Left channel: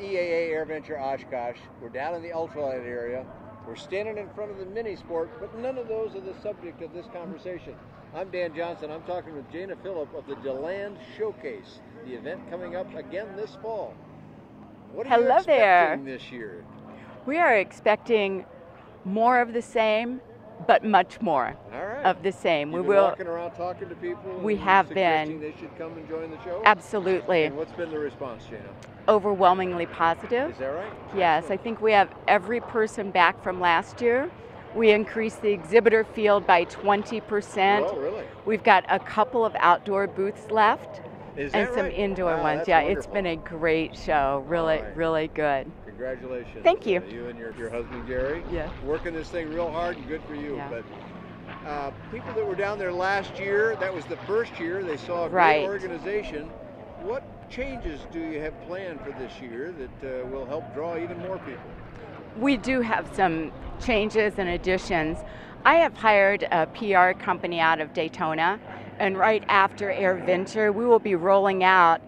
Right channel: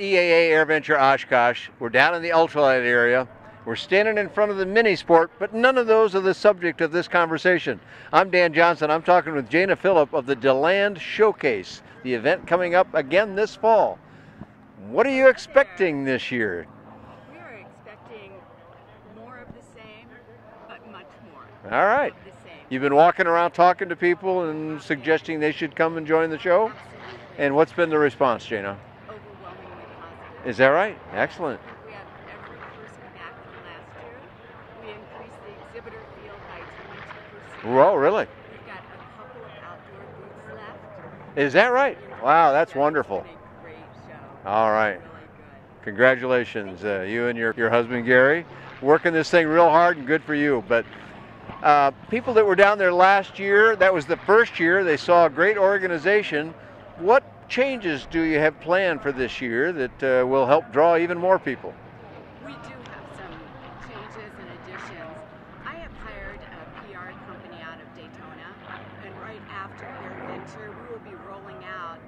at EAA AirVenture Oshkosh. We're down in the ultralight area. We're standing in front of the mini sport, but none of those are the subject of this conversation. I'm Dan Johnson. I'm talking with Jana Filip of the DeLand Showcase, the event coming up again this fall. What are you expecting this year? We are expecting more of the same, but much more of the same. You've been walking around talking to people and suggesting they should come and join the show? Absolutely. And what's been the response, Jana? Overwhelmingly positive. Is that right? Yes, Excellent. I think we have every person back from last year. We increased the exhibitor field by 20%. Oh, really? We've got a couple of outdoor booths left. Is that right? Some indoor wow, ones. that's yeah, wonderful. It's been a great show. Really, all right. really good. Congratulations. Thank you. You and your husband, Gary, yeah. working this thing real hard, and good for you. Yeah. But people that were down there last year, that was the first year, they saw a great organization. What changes do you have planned for this year that will help draw even more people? We do have some changes and additions. I have hired a PR company out of Daytona, and right after AirVenture, we will be rolling out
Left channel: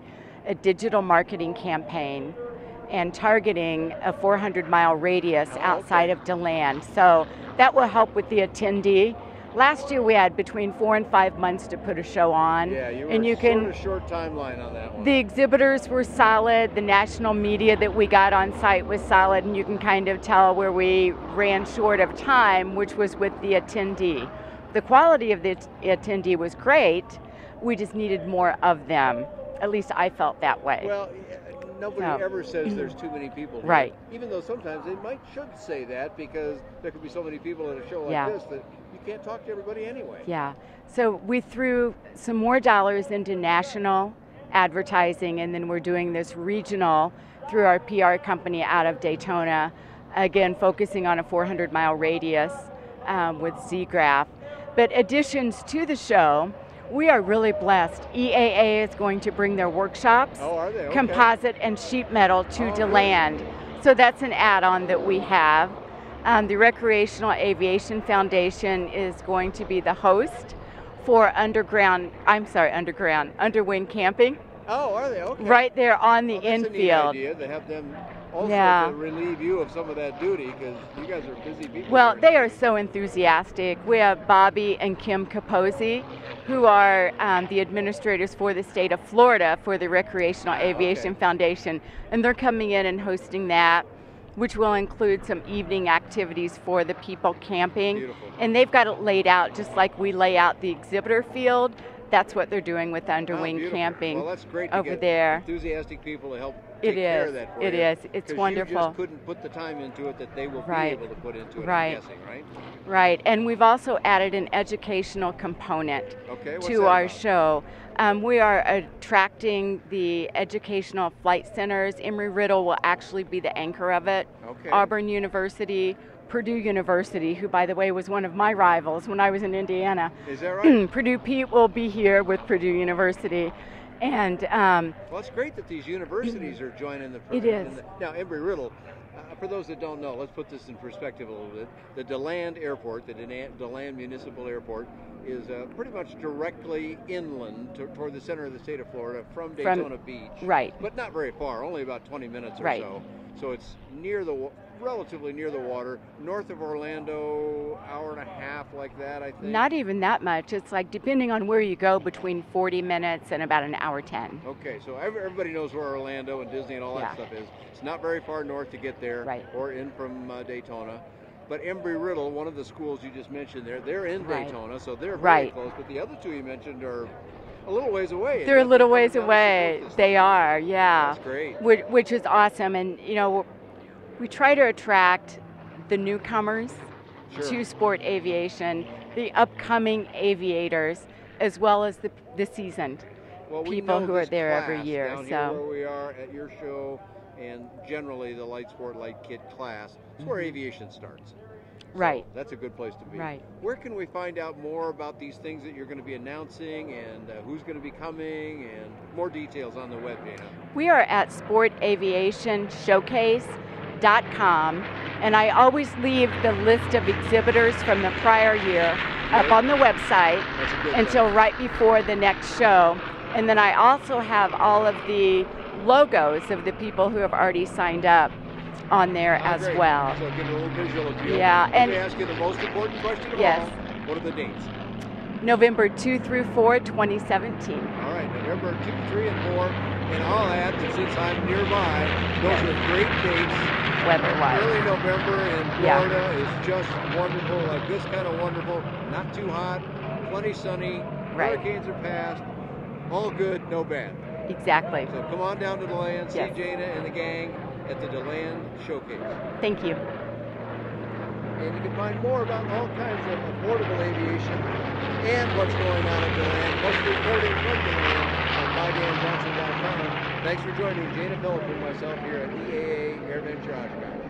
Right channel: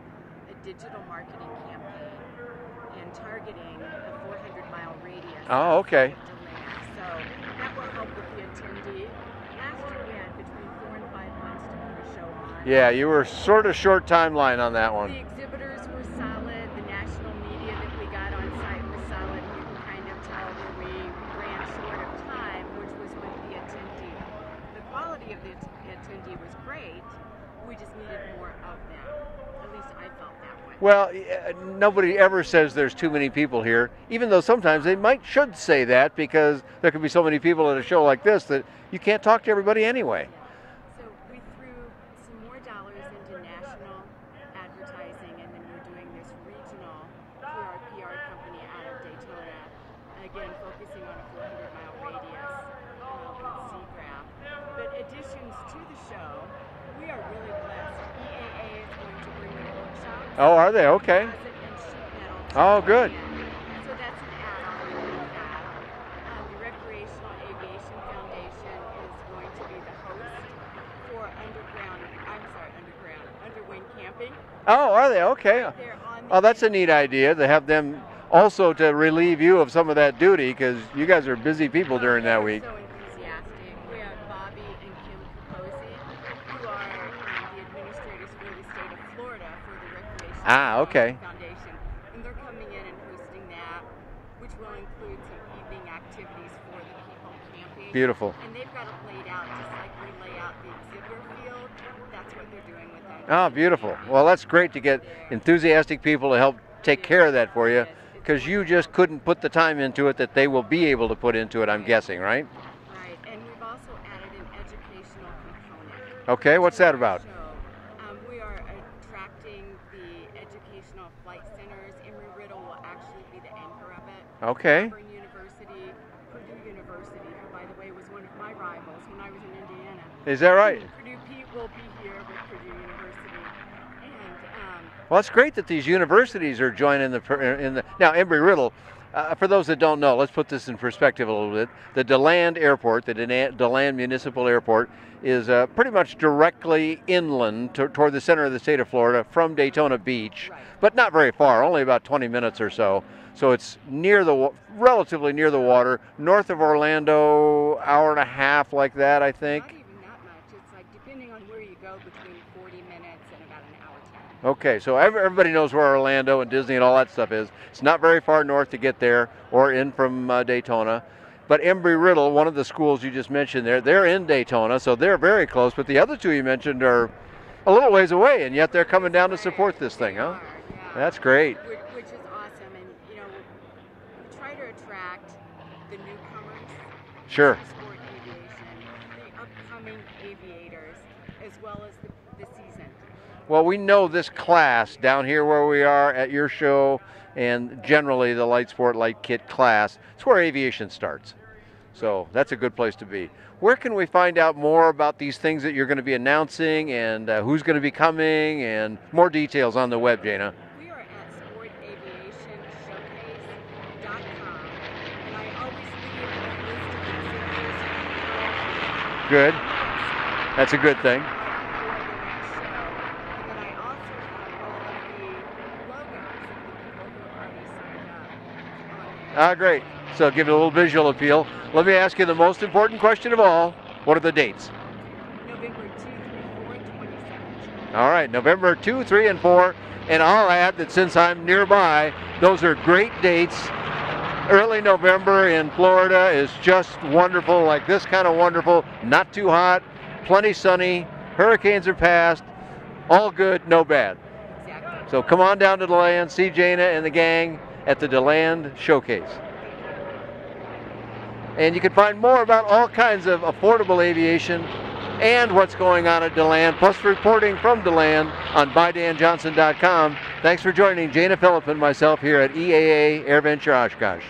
a digital marketing campaign and targeting a 400-mile radius outside of DeLand. So that will help with the attendee. Last year we had between 4 and 5 months to put a show on. Yeah, you were sort of short timeline on that one. The exhibitors were solid, the national media that we got on site was solid, and you can kind of tell where we ran short of time, which was with the attendee. The quality of the attendee was great, we just needed more of them. At least I felt that way. Well, nobody ever says there's too many people here, even though sometimes they should say that, because there could be so many people at a show like this that you can't talk to everybody anyway. Yeah, so we threw some more dollars into national advertising, and then we're doing this regional through our PR company out of Daytona, again focusing on a 400-mile radius with Z-Graph. But additions to the show, we are really blessed. EAA is going to bring their workshops. Oh, are they? Okay. Composite and sheet metal to DeLand. Good. So that's an add-on that we have. The Recreational Aviation Foundation is going to be the host for underwing camping. Oh, are they? Okay. Right there on the that's a neat idea to have them also to relieve you of some of that duty, because you guys are busy people during that week. Well, they are so enthusiastic. We have Bobby and Kim Capozzi, who are the administrators for the state of Florida for the Recreational Aviation Foundation, and they're coming in and hosting that, which will include some evening activities for the people camping. Beautiful. And they've got it laid out just like we lay out the exhibitor field. That's what they're doing with underwing camping. Well, that's great to get enthusiastic people to help take care of that for you, because you just couldn't put the time into it that they will be able to put into it, I'm guessing, right? Right, and we've also added an educational component to our show. We are attracting the educational flight centers. Embry-Riddle will actually be the anchor of it. Auburn University, Purdue University, who by the way was one of my rivals when I was in Indiana. Is that right? Purdue Pete will be here with Purdue University. And well, it's great that these universities are joining now Embry-Riddle. For those that don't know, let's put this in perspective a little bit. The DeLand Airport, the DeLand Municipal Airport, is pretty much directly inland toward the center of the state of Florida from Daytona Beach. Right. But not very far, only about 20 minutes or so. So it's relatively near the water, north of Orlando, hour and a half like that, I think. Not even that much. It's like, depending on where you go, between 40 minutes and about an hour 10. Okay, so everybody knows where Orlando and Disney and all that stuff is. It's not very far north to get there or in from Daytona. But Embry-Riddle, one of the schools you just mentioned there, they're in Daytona, so they're very close. But the other two you mentioned are a little ways away, and yet they're coming down to support this thing. They are, yeah. That's great. Which is awesome, and you know, we try to attract the newcomers to sport aviation, the upcoming aviators, as well as the seasoned. Well, we know this class down here where we are at your show, and generally the light sport, light kit class, it's where aviation starts. So that's a good place to be. Where can we find out more about these things that you're going to be announcing, and who's going to be coming, and more details on the web, Jana? We are at sportaviationshowcase.com, and I always leave the list of exhibitors from the prior year up on the website. That's a good thing. Until right before the next show. And then I also have all of the logos of the people who have already signed up on there as great. well. So give it a little visual appeal. Yeah, Let me ask you the most important question of all. What are the dates? November 2 through 4, 2017. All right, November 2, 3, and 4. And I'll add that since I'm nearby, those are great dates. Weather-wise. Early November in Florida is just wonderful, like this kind of wonderful, not too hot, plenty sunny, hurricanes are past, all good, no bad. Exactly. So come on down to DeLand, see Jana and the gang at the DeLand Showcase. Thank you. And you can find more about all kinds of affordable aviation and what's going on at DeLand, plus reporting from DeLand on bydanjohnson.com. Thanks for joining Jana Filip and myself here at EAA AirVenture Oshkosh.